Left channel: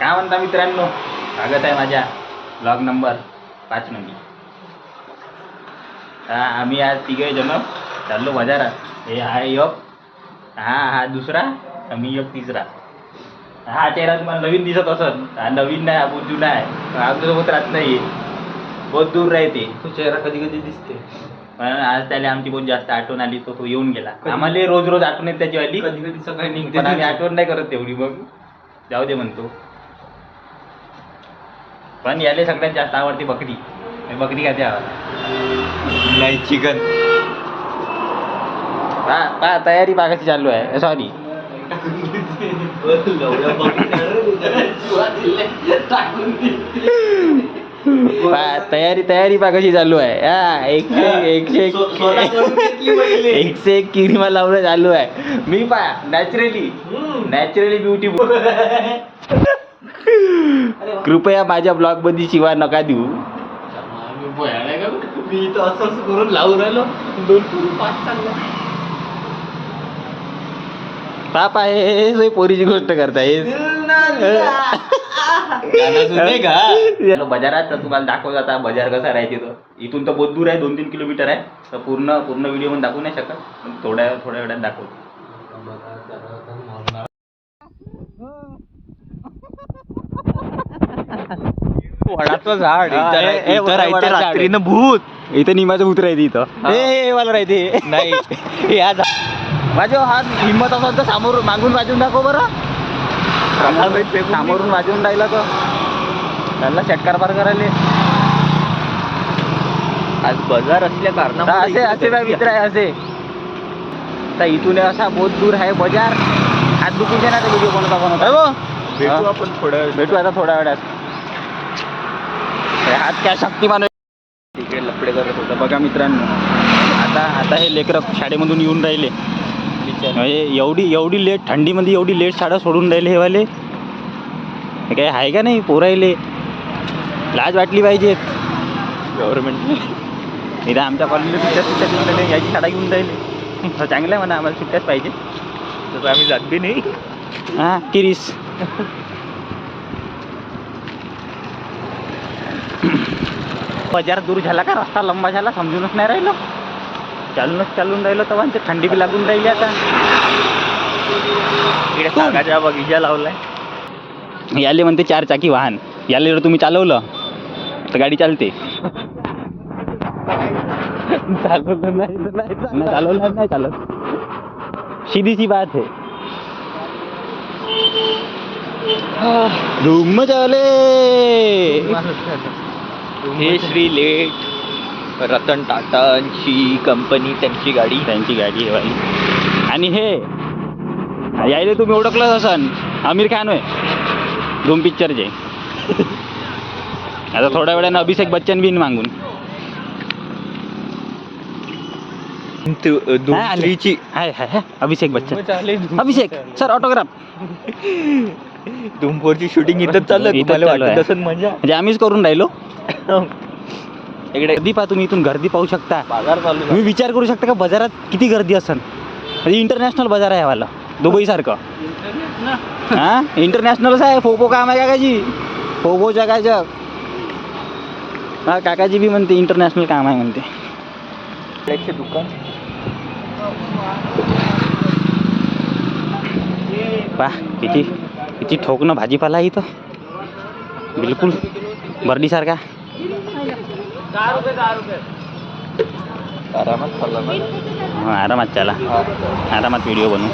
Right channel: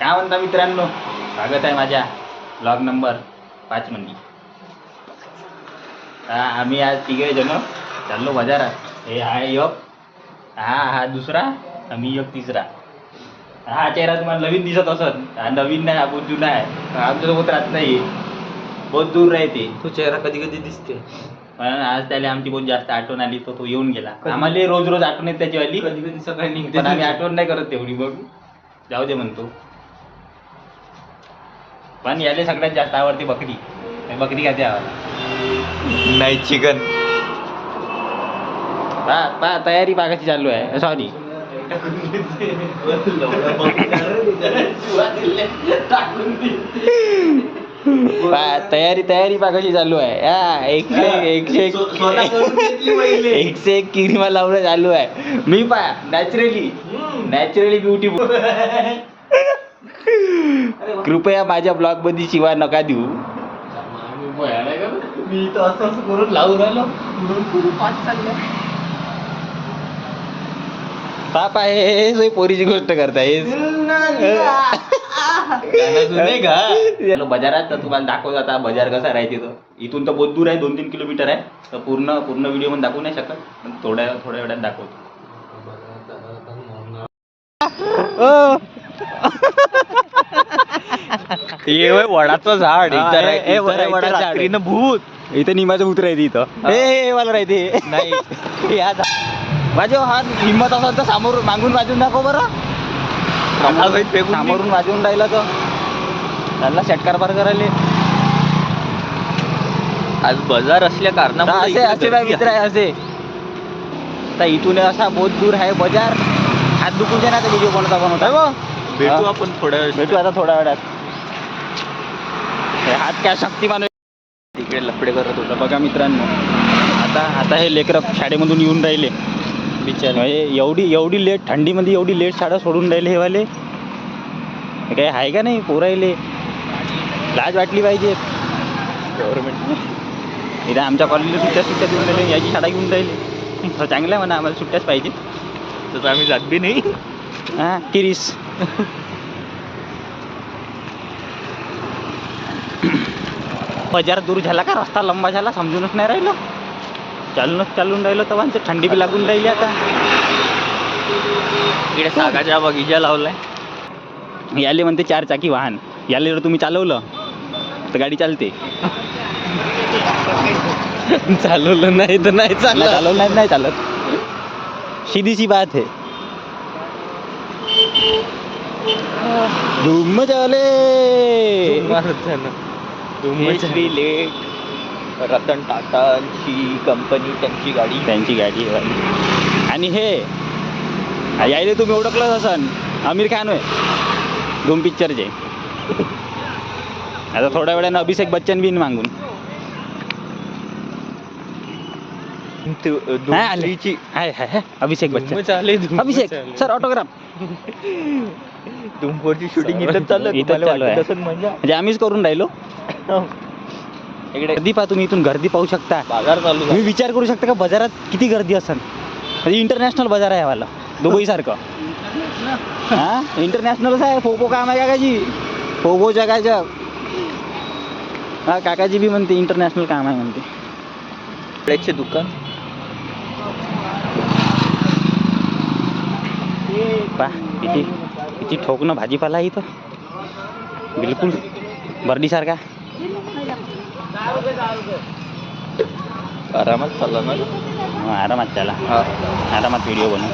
काय म्हणता मित्रांनो, स्वागत आहे माझ्या ब्लॉग नंबर 5 मध्ये. आम्ही आज तिघे जण चाललो बाजारात. हे आहे एक, हा दुसरा, आम्ही एक तिसरा. हा चेहरा तुम्हाला नवीन दिसत असत, हा नवीन नाही, हा बहुत जुना आहे. आमच्यासोबत राहत नाही, बहुत दूर राहते. तो चेहरा कधी कधी दिसते, पण आज त्याला आमची बहुत जास्त आठवण आली, तो येऊन गेला. आम्हाला रोज रोज आठवण येते त्याची वाली, कधी कधी सकाळी निघते, पण आम्ही आठवण नाही करत तेवढी. मग जाऊ दे म्हणतो. पण याले सगळ्यात जास्त आवडते बकरी. बकरी खाते आम्हाला, नाही चिकन. पा तयारी बागाची चालू आहे. सॉरी, तयारी बागाची चालू आहे. हा, एकशे एक किरीमा लावणं चालू आहे. मी नॅचरली ब्युटीफुल. कृपया माझ्या ब्लॉग मध्ये शिवा नका देऊ. मी तर असं करून लावून राहिलो, 2 पुरी 5 चाललो. ताप आहे, पोरीची गोष्ट करताय. बाजारात तर तुम्हाला दाखवत आता बाजार कसा राहायचे. तो इथून तर बहुत दूर आहे, 2-3 किलोमीटर आहे. तर पूर्ण व्हिडिओ मध्ये दाखवू नाही शकत, पण थोड्या वेळात दाखवतो. वडाचं झाड, रात्रीनं भूत. इथं निमाचं भूत राहते. इथं हे मला राहते नाही. माझ्या हा हिंमत असेल तर समोरून मागून वाजून दाखव बरं. समोरून वाजवून राहिला तर त्याला षटकार पार करायला. आज बाजार असल्या कारणामुळे असे काय मित्र आहे असे. तर इथून असा बहुत दूर आहे बाजार. हात दुखून दे ना ते व्हिडिओ बनवता. भेटू आता थोड्या वेळात. हात काय शक्तिमान तिकडे लफडे करत होता बघा मित्रांनो. आता हे लेकरं शाळेमधून येऊन राहिले. एवढी लेट थंडीमध्ये एवढी लेट शाळा सोडून राहिले हे वाले. काय आहे का नाही पोरायले, लाज वाटली पाहिजे गव्हर्नमेंट. इथं आमच्या कॉलेजला सुट्ट्या घेऊन राहिले, याची शाळा घेऊन राहिले. चांगलं आहे म्हणा, आम्हाला सुट्ट्याच पाहिजे. तर आम्ही जात बी नाही. हां किरीस. बाजार दूर झाला का, रस्ता लंबा झाला, समजूनच नाही राहिलो. चालून राहिलो तेव्हा ते थंडी बी लागून राहिली. आता इकडे सागाच्या बगीचा लावलाय. याले म्हणते 4 चाकी वाहन. याले जर तुम्ही चालवलं तर गाडी चालते. चालवलं नाही तर नाही चालवलं नाही चालत. सीधी सी बात है. धूम चले. हे श्री लेट रतन टाटांची कंपनी, त्यांची गाडी आहे बाई. आणि हे यायले तुम्ही ओळखलंच असन, आमिर खान होय धूम पिक्चरचे. आता थोड्या वेळानं अभिषेक बच्चन बिन मागून अभिषेक बच्चन. अभिषेक सर ऑटोग्राफ. धूमफोरची शूटिंग इथं चालू आहे. म्हणजे आम्हीच करून राहिलो. इकडे गर्दी पहा तुम्ही, इथून गर्दी पाहू शकता. बाजार चालू. तुम्ही विचार करू शकता का बाजारात किती गर्दी असेल. म्हणजे इंटरनॅशनल बाजार आहे वाला, दुबई सारखं. हा इंटरनॅशनलच आहे. फोपो काम आहे काकाजी, फोपो जगाच्या. हा काकाजी बी म्हणते इंटरनॅशनल काम आहे म्हणते. दुकान पा किती ठोकणं भाजीपाला आहे इथं, बिलकुल बर्डीसारखा. आरामात चालला ना. हां आरामात चला, आरामात व्हिडिओ बनवू.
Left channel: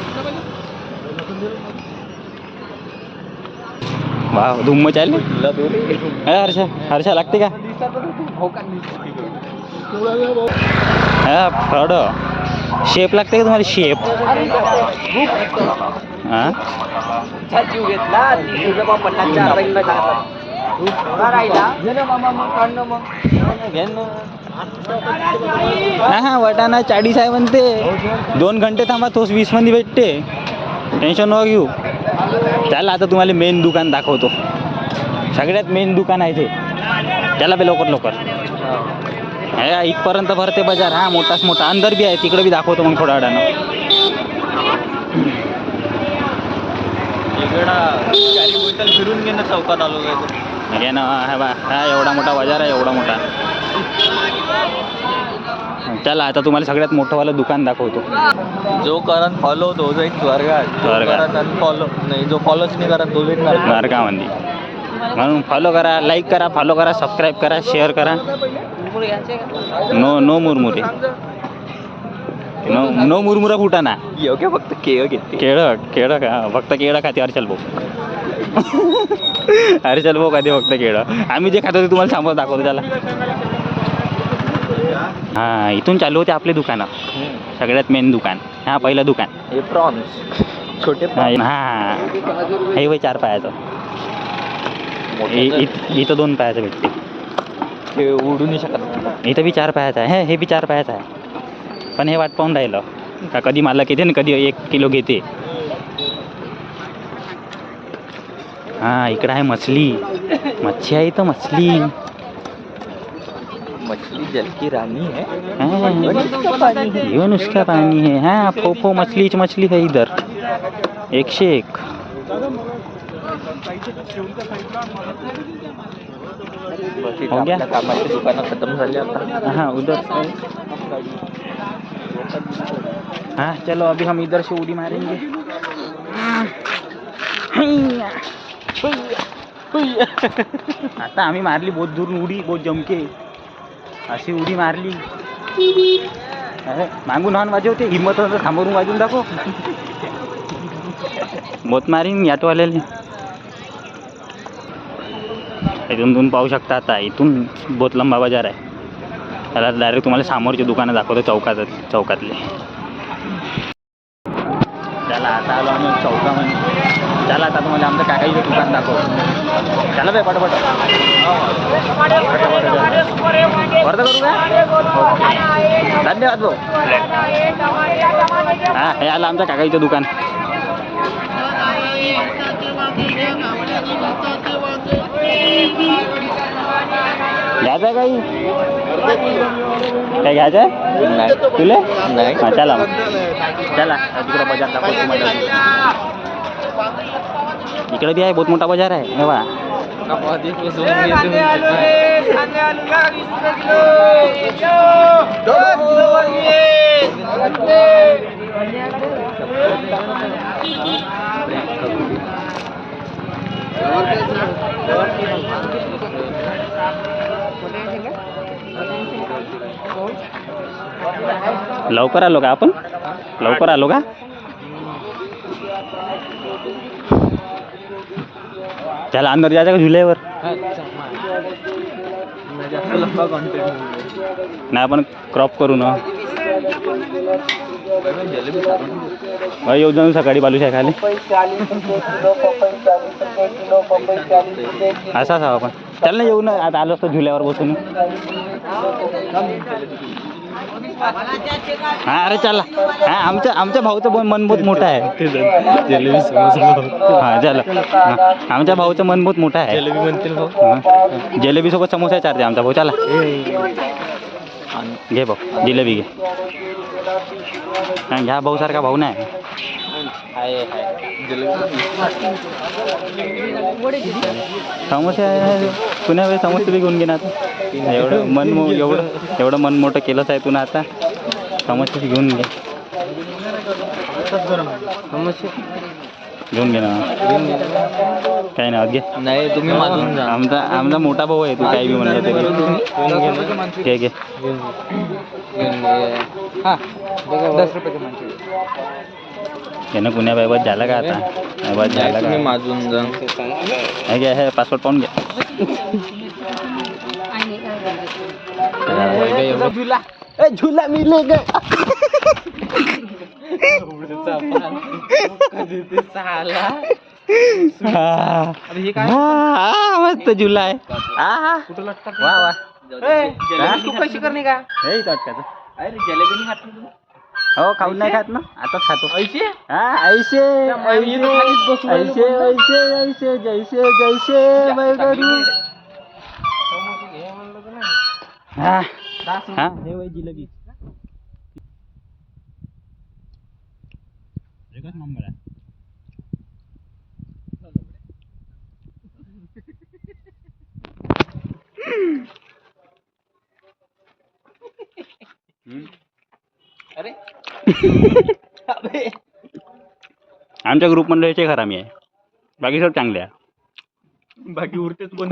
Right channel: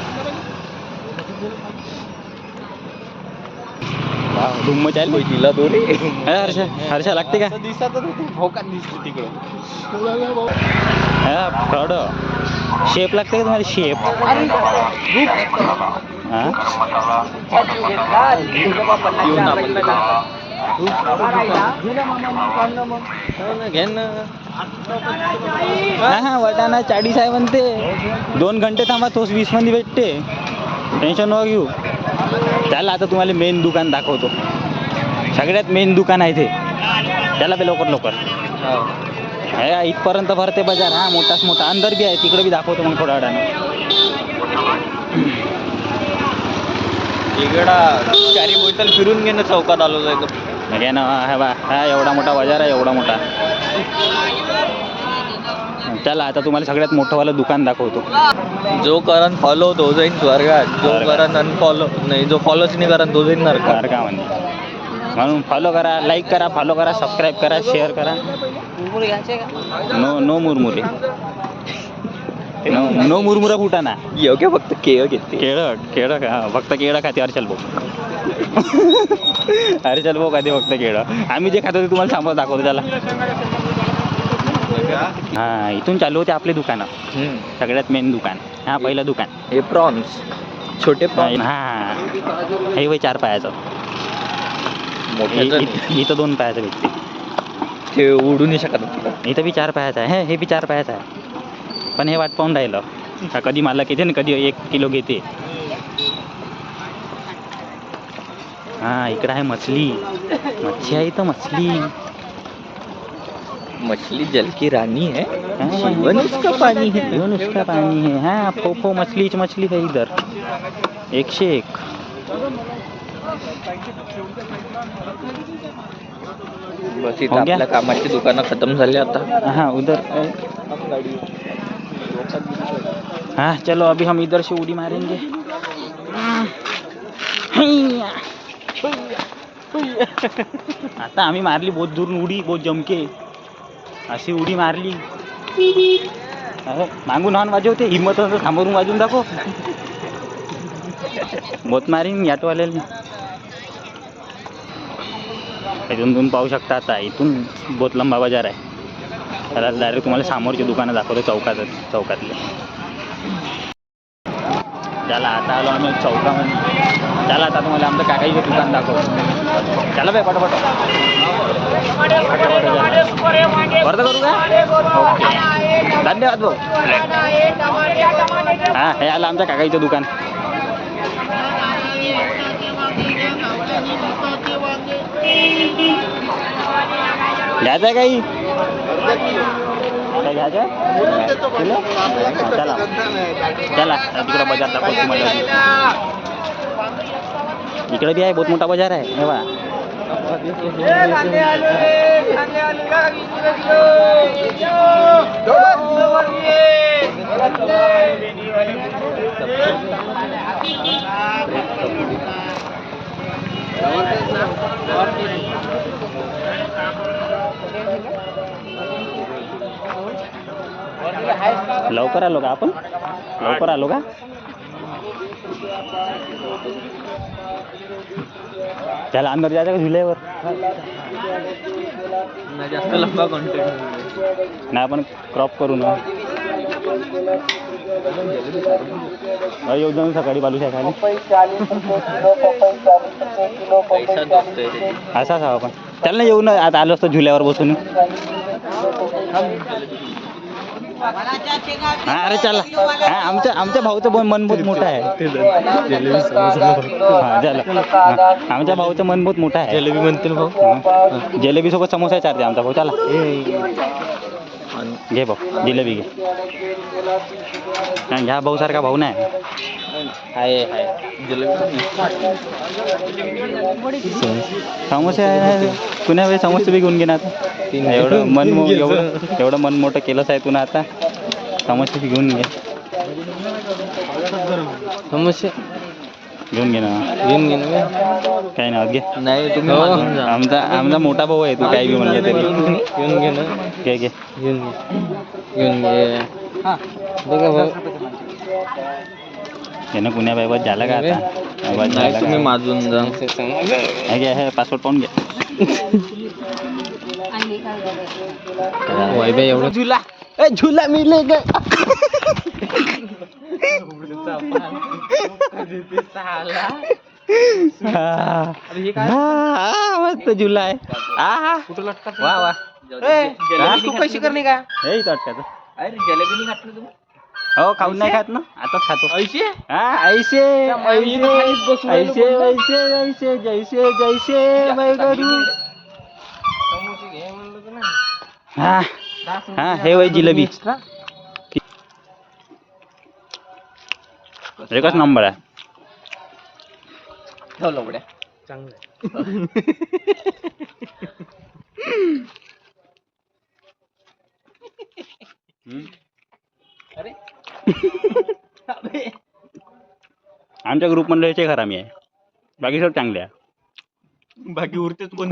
वाव धुम्म चालू. हर्षा लागते का. हा फ्रॉड शेप लागते का तुम्हाला. शेप हां हा वटाणा 40 आहे म्हणते. 2 घंटे थांबा, तोच 20 मध्ये भेटते. टेन्शन नको घेऊ. त्याला आता तुम्हाला मेन दुकान दाखवतो. सगळ्यात मेन दुकान आहे ते, त्याला बी लवकर. इथपर्यंत भरते बाजार. हा मोठाच मोठा अंदर बी आहे, तिकडे बी दाखवतो मग थोड्या वेळानं. इकडा चारी बोटल फिरून घेणे चौकात आलो जायचं. म्हणजे ना हा बा हा एवढा मोठा बाजार आहे, एवढा मोठा. चला आता तुम्हाला सगळ्यात मोठंवालं दुकान दाखवतो. जो करण फॉलो तो जाईन स्वर्गात, जो स्वर्गात. करण अनफॉलो नाही, जो फॉलोच नाही करण तो जाईन नरकात. नरकामध्ये. म्हणून फॉलो करा, लाईक करा, फॉलो करा, सबस्क्राईब करा, शेअर करा. नो मुरमुरे, नो मुरमुरा फुटाना. योग्य फक्त केळ घेते. केळं का फक्त केळं खाते हर्षल भाऊ. हर्षल भाऊ खाते फक्त केळं. आम्ही जे खातो ते तुम्हाला समोर दाखवतो. त्याला हा इथून चालू होते आपले दुकानं. सगळ्यात मेन दुकान हा पहिलं दुकान. हे प्रॉन्स छोटे प्रॉन्स. हा हे वय 4 पायाचं. इथं 2 पायाचं भेटते. ते उडू नाही शकत. इथं बी 4 पायाचं आहे. हे बी 4 पायाचं आहे. पण हे वाट पाहून राहिलं का कधी मालक येते ना कधी 1 किलो घेते. हा इकडं आहे मछली आहे इथं मछली. मछली जल की रानी है. हाँ, उसका पानी है. जीवन उसका पानी है. हाँ फोफो मछली है इधर 101. बस इथं हो गया? आपल्या कामाची दुकानं खतम झाली आता. हाँ उधर. हाँ चलो अभी हम इधर से उड़ी मारेंगे. आता आम्ही मारली बहुत दूर उडी, बहुत जमके अशी उडी मारली. अरे मागून हॉर्न वाजवते, हिम्मत होतं थांबवून वाजवून दाखव. बहुत मारीन याटोवाल्याला. इथून तुम्ही पाहू शकता. आता इथून बहुत लंबा बाजार आहे. त्याला डायरेक्ट तुम्हाला समोरची दुकानं दाखवतो चौकातले. त्याला आता आलो आम्ही चौकामध्ये. त्याला आता तुम्हाला आमचं काकाईचं दुकान दाखवतो. चला बाई पटापट वर्ध करू का. ओके धन्यवाद भाऊ. हां हे आलं आमच्या काकाईचं दुकान. घ्यायचं आहे काही काय घ्यायचं आहे तुला. हां चला तिकडं बाजार दाखवतो तुम्हाला. इकडे बी आहे बहुत मोठा बाजार आहे. हे बा लवकर आलो का आपण. लवकर आलो का. चला अंदर जायचं का झुल्यावर. जास्त लंबा कॉन्टेंट नाही आपण क्रॉप करू ना. येऊ जाऊन सकाळी बालुशाही खाली. असं असावं आपण. चल ना येऊ ना आता आलो असतो झुल्यावर बसून. हा अरे चला. हा आमच्या भाऊचं मन बहुत मोठं आहे. हा चला. आमच्या भाऊचं मन बहुत मोठं आहे. जलेबी म्हणतील भाऊ. जिलेबी सोबत समोसा चारते आमचा भाऊ. चला घे भाऊ जिलेबी घे. ह्या भाऊ सारखा भाऊ नाही. समोसे पुण्या वेळी समोसे बी घेऊन घे ना आता. एवढं मन मोठं केलंच आहे तू ना आता. समोसे घेऊन घे. समोसे घेऊन घे ना. काही नाही घे. नाही तुम्ही मागून जा. आमचा मोठा भाऊ आहे. तू काही बी म्हणलं तरी घे घे. ना पुण्या बाई झालं का आता. बस झालं का. माजून जा. हे घे हे पासपोर्ट पाहून घे. झुला मिलेगा. मस्त झुला आहे. वा वा. तू पैसे करणे का. अरे जलेबी नाही खात ना तू. हो खाऊन नाही खात ना. आताच खातो. ऐसे हा ऐसे ऐसे ऐसे ऐसे जैसे जैसे मैं करू. हा हे वय जिलेबी एकच नंबर आहे. ठेव लवड्या चांगलं. अरे अबे. आमच्या ग्रुप मंडळीचे खरामी आहे, बाकी सर्व चांगले आहे. बाकी उरतेच कोण.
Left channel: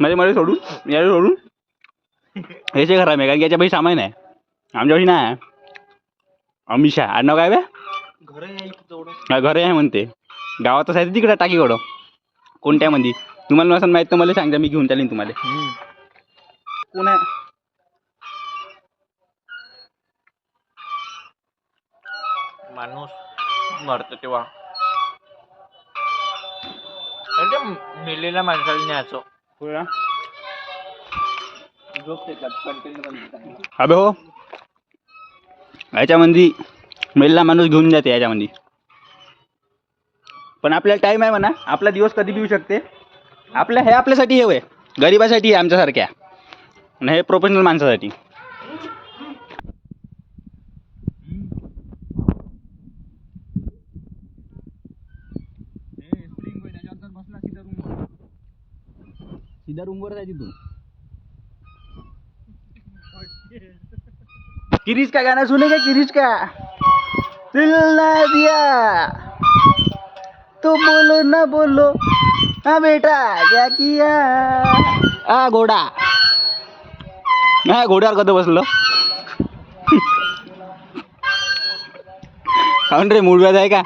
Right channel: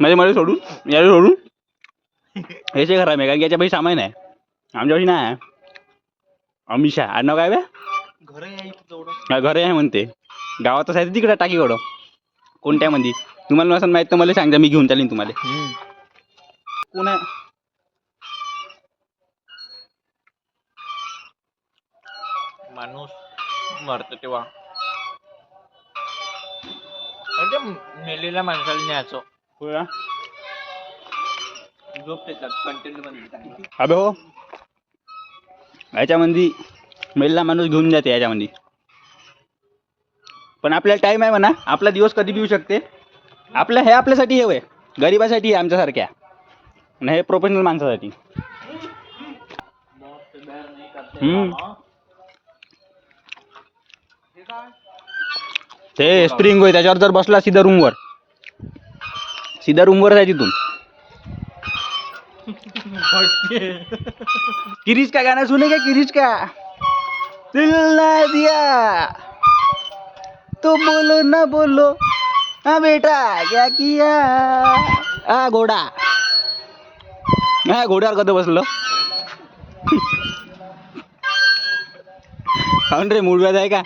म्हणजे मला सोडून याला सोडून ह्याचे खरामी आहे, कारण की याच्यापाशी सामान आहे, आमच्यापाशी नाही आहे. अमिषा आडनाव काय बे? घर आहे तेवढं. हा, घरे आहे म्हणते, गावातच आहे तिकडे टाकीकडं. कोणत्या मंदी तुम्हाला नसेल माहित तर मला सांगा, मी घेऊन चालेन तुम्हाला. कोण आहे? माणूस मरतो तेव्हा म्हणजे मेलेल्या माणसाला न्यायचो. झोप देतात कंटिन्यू. अबे हो, याच्यामध्ये मेलेला माणूस घेऊन जाते याच्यामध्ये, पण आपल्याला टाईम आहे म्हणा, आपला दिवस कधी बी येऊ शकते. आपल्या हे आपल्यासाठी हे वय गरिबासाठी आहे आमच्यासारख्या, आणि हे प्रोफेशनल माणसासाठी. ते स्प्रिंग होय, त्याच्यावर जर बसला सीधा रूमवर आहे तिथून. किरीच का गाना सुनेगा, किरीच का दिल ना दिया तो बोलो ना बोलो, हाँ बेटा क्या किया. हा घोडा, हा घोड्यावर कधी बसलो. काऊन रे, मूड व्याज आहे का?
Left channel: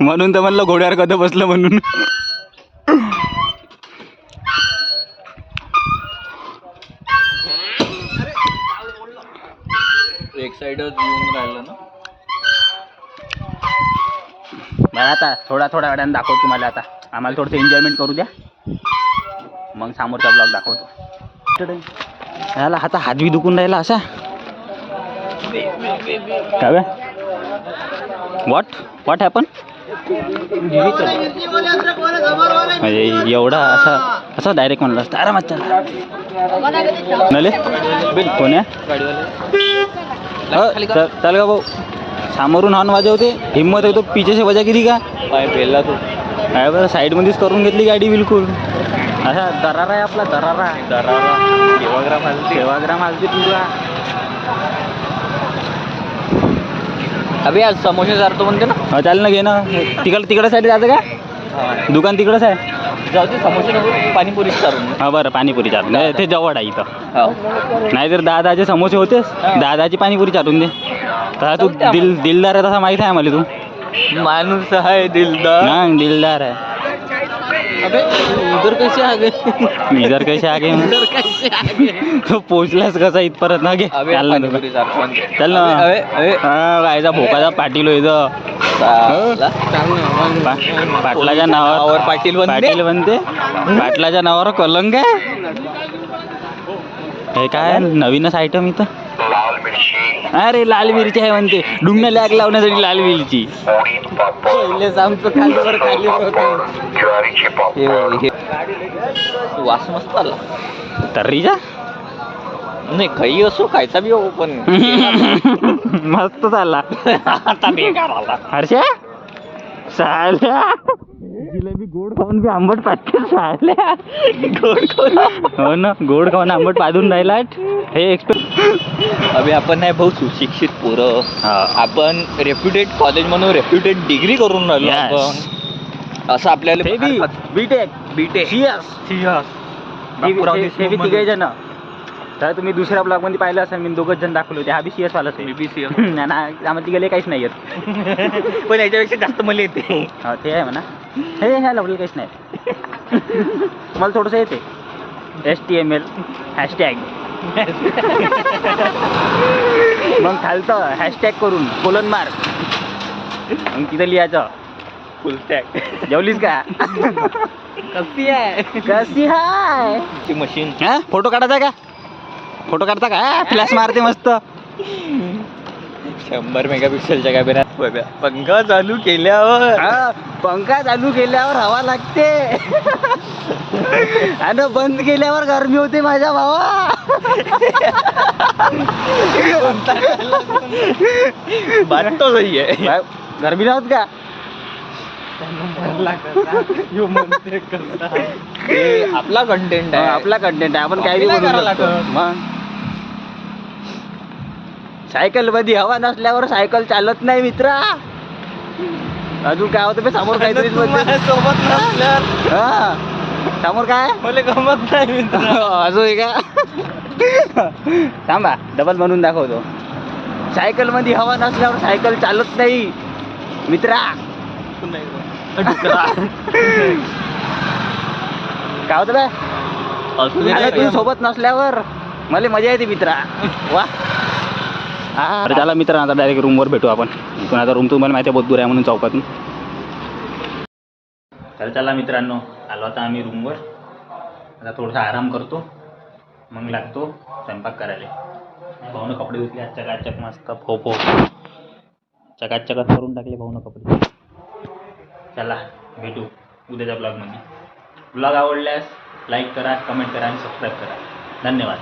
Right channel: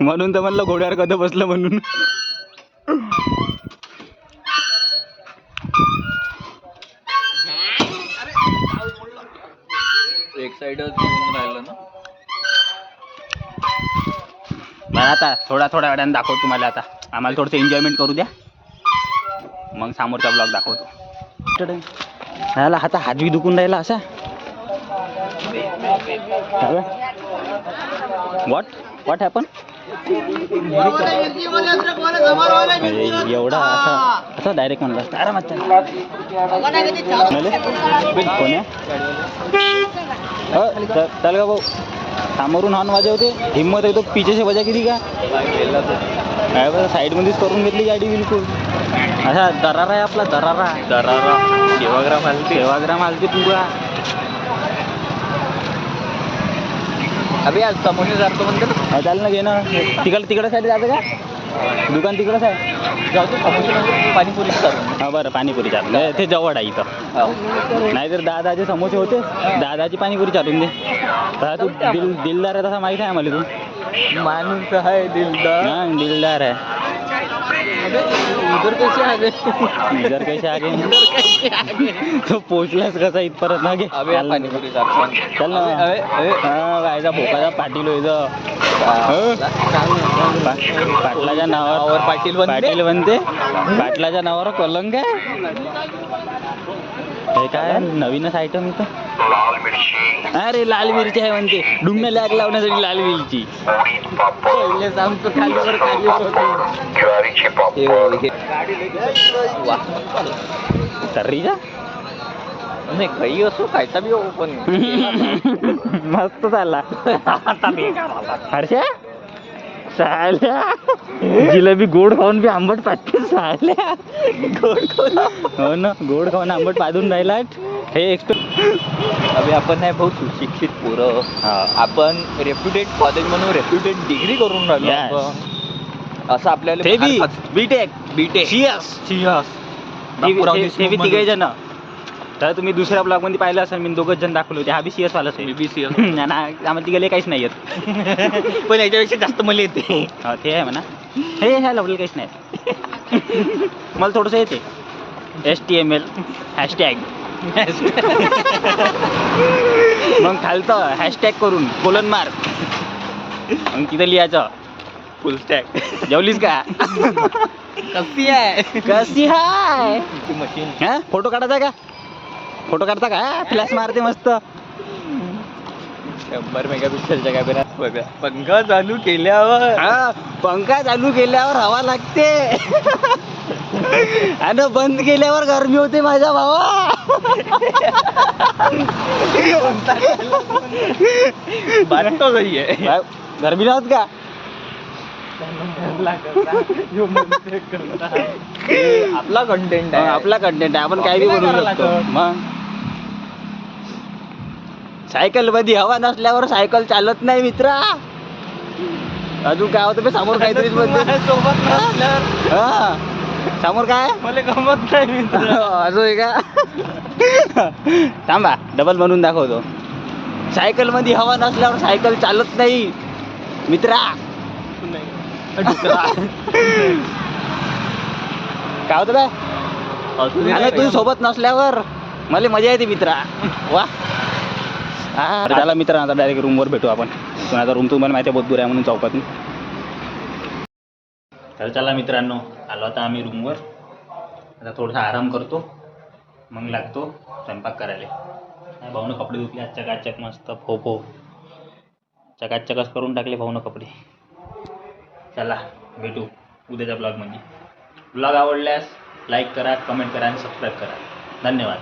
म्हणून तर म्हणलं घोड्यावर कधी बसलं म्हणून. एक साइडच येऊन राहिलं ना. आता थोड्या वेळाने दाखवतो तुम्हाला. आता आम्हाला थोडंसं एन्जॉयमेंट करू द्या, मग समोरचा ब्लॉग दाखवतो. याला आता हात बी दुखून राहिला असा. काय व्हॉट हॅपन? एवढा असा डायरेक्ट म्हणला असता आरामात नले कोण्या चल का भाऊ, समोरून हॉर्न वाजवते, हिम्मत आहे तो पिछे से वजा किती का काय बरं, साईडमध्येच करून घेतली गाडी बिलकुल. असा दरारा आहे आपला, दरारा सेवाग्राम हालते पुरा. अबे आज समोसे जातो म्हणते ना. चाल ना, घे ना. तिकडं साईड जायचं का? दुकान तिकडंच आहे. पाणीपुरी हा बरं, पाणीपुरी चालून ते जवळ आहे इथं. नाहीतर दादाचे समोसे होतेच, दादाची पाणीपुरी चालून दे. तसा तू दिलदार आहे, तसा माहीत आहे मला. तू माणूस आहे दिलदार. हा, दिलदार आहे. इधर कैसे आ गए? इधर कैसे आ गए? तो पोचलास कसा इथपर्यंत ना. घे चल ना. कायचा भोकाचा पाटील हो इथं. पाटलाच्या नावावर पाटील बनते, पाटलाच्या नावावर कलंक आहे. हे काय नवीनच आयटम इथं. अरे लाल मिरची आहे म्हणते, डुंगणं लॅग लावण्यासाठी लाल मिरची. वास मस्त आला तर्रीचा. नाही काही असो, खायचा बी हो पण मस्त झाला. हर्षा साल्या जिलेबी गोड खाऊन बी आंबट पाडते. साल्या गोड खाऊन, हो ना, गोड खाऊन आंबट पाडून राहिला. हे अबे आपण नाही भाऊ सुशिक्षित पोरं, आपण रेप्युटेड कॉलेज म्हणून रेप्युटेड डिग्री करून राहिलो आपण. असं आपल्याला बीटेक तिघे जण. तर तुम्ही दुसऱ्या ब्लॉग मध्ये पाहिलं असेल, मी 2 जण दाखवले होते. हा बी CS वालाच आहे. BBC आम्हाला तिघे काहीच नाही येत, पण याच्यापेक्षा जास्त मला येते. हा ते आहे म्हणा. हे ह्या लवलं काहीच नाही. मला थोडंसं येते HTML हॅशटॅग. मग खालतं हॅशटॅग करून कोलन मार, मग तिथं लिहायचं फुल स्टॅक. जेवलीस का? कशी आहे मशीन. हा, फोटो काढायचा का? फोटो काढता का? फ्लॅश मारते मस्त. 100 मेगापिक्सेलच्या कॅमेऱ्यात बघा पंखा चालू केल्यावर हा पंखा चालू केल्यावर हवा लागते आणि बंद केल्यावर गरमी होते माझ्या भावा. बात तो सही आहे. काय, गरमी नव्हत का? हे आपला कंटेंट आहे. आपला कंटेंट आहे, आपण काही Copy बनवू नाही शकतो. करायला लागत. मग सायकल मध्ये हवा नसल्यावर सायकल चालत नाही मित्रा. अजून काय होतं बे समोर काहीतरी बोलते. सोबत नसल्यावर हा समोर काय मला गमत नाही मित्र. अजून आहे का? थांबा डबल बनवून दाखवतो. सायकल मध्ये हवा नसल्यावर सायकल चालत नाही मित्रा. काय होतं बे? अरे तू सोबत नसल्यावर मला मजा येते मित्रा. वा हा तर त्याला मित्र आता डायरेक्ट रूमवर भेटू आपण. पण आता रूम तुम्हाला माहिती आहे बहुत दूर आहे म्हणून चौकातून. तर चला मित्रांनो आलो आता आम्ही रूमवर. आता थोडासा आराम करतो मग लागतो स्वयंपाक करायला. भाऊनं कपडे धुतले आज चकाचक मस्त फोपो चकाचकच करून टाकले भाऊनं कपडे. चला भेटू उद्याच्या ब्लॉगमध्ये. ब्लॉग आवडल्यास लाईक करा, कमेंट करा आणि सबस्क्राईब करा. धन्यवाद.